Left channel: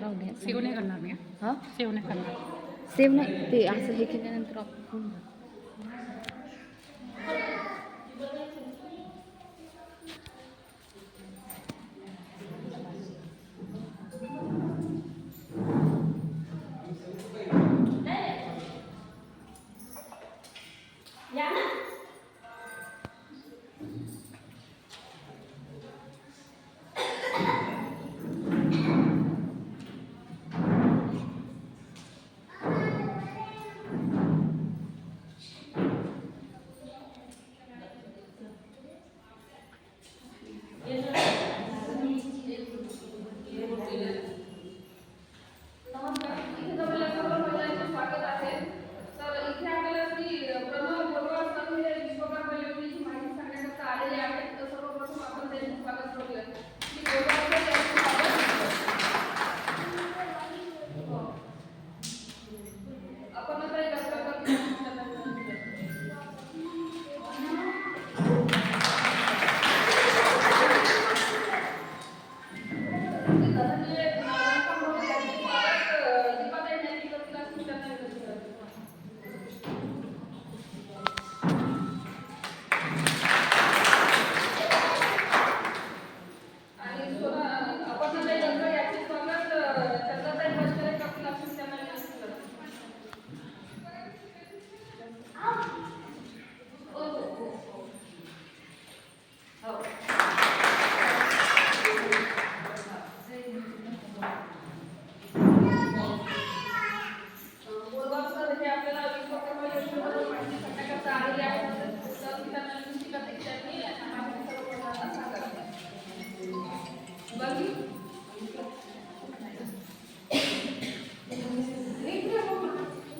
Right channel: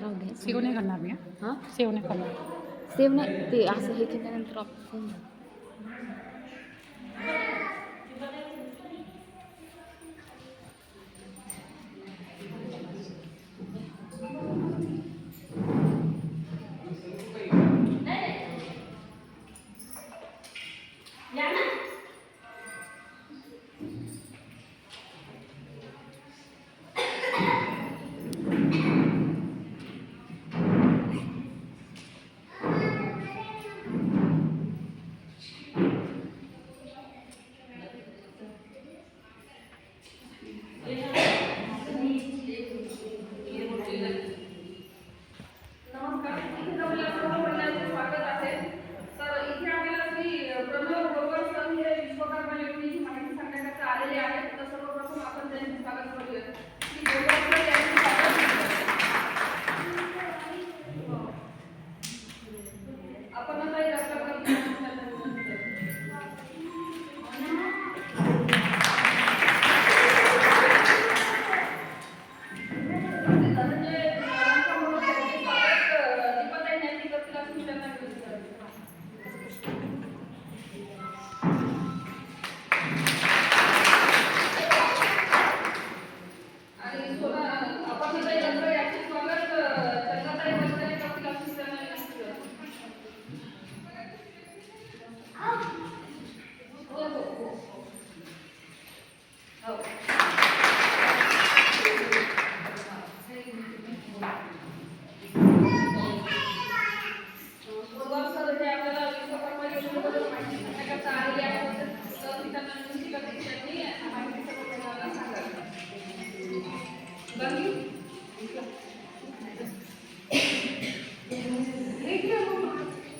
राहू दे. सेव नाही करणार मी. हां सेव नाही करणार. सेव नाही ते असं हे केल्यानंतर आपण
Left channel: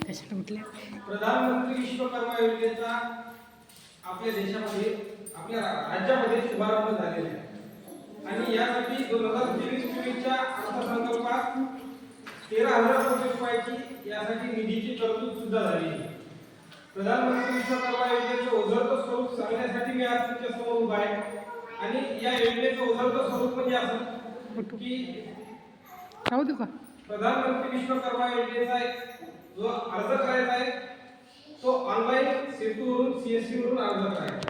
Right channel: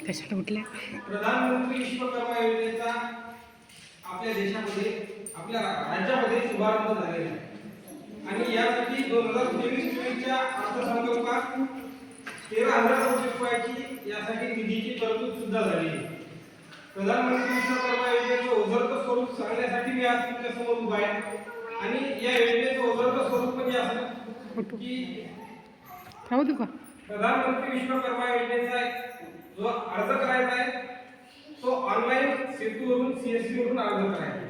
कशाला उठले? प्रधानमंत्री विश्वकर्मा योजनेचा आपल्या देशामध्ये आपल्या राज्यामध्ये शुभारंभ झालेला आहे आणि यासाठी 2023-24च्या अर्थसंकल्पात 13,000 कोटी रुपयाची यासाठी निधीची तरतूद सुद्धा झाली आहे. प्रधानमंत्री विश्वकर्मा योजनेचे ओझरतं स्वरूप सांगण्यासाठी मी आज तुमच्या समोर उभा आहे आणि या योजनेचं ओझरतं स्वरूप म्हणजे असं की राहू दे का? प्रधानमंत्री विश्वकर्मा योजनेचा जो अर्ज करायचा आहे तो ऑनलाईन सेतूवरून CSC वरून अर्ज करायचा